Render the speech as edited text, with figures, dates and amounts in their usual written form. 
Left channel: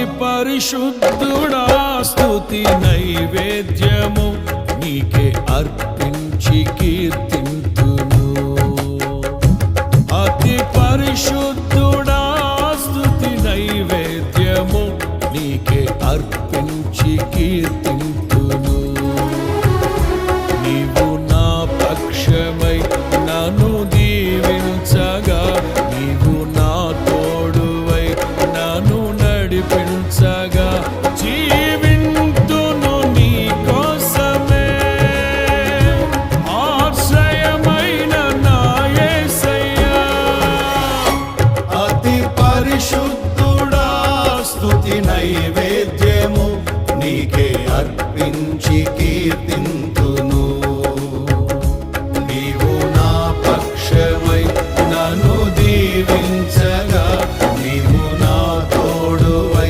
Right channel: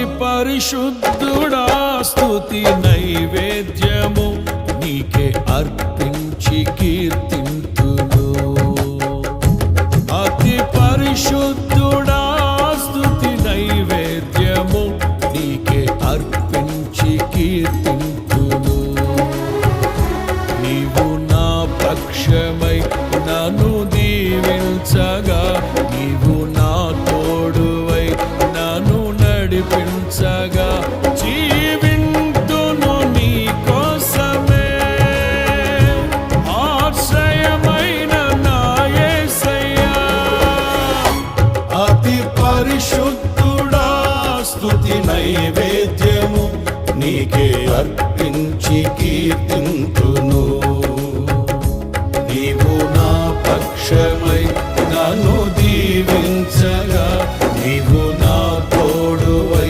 అతి పరిశుద్ధుడా స్తుతి నైవేద్యము నీకే అర్పించి కీర్తింతును. అతి పరిశుద్ధుడా స్తుతి నైవేద్యము నీకే అర్పించి కీర్తింతును. నీవు నా పక్షమై నన్ను దీవించగా, నీవు నా తోడువై నన్ను నడిపించగా, జీవింతును నీ కోసమే. ఆశ్రయమైన నా యేసయ్యా, అతి పరిశుద్ధుడా స్తుతి నైవేద్యము నీకే అర్పించి కీర్తింతును. నీవు నా పక్షమై నన్ను దీవించగా, నీవు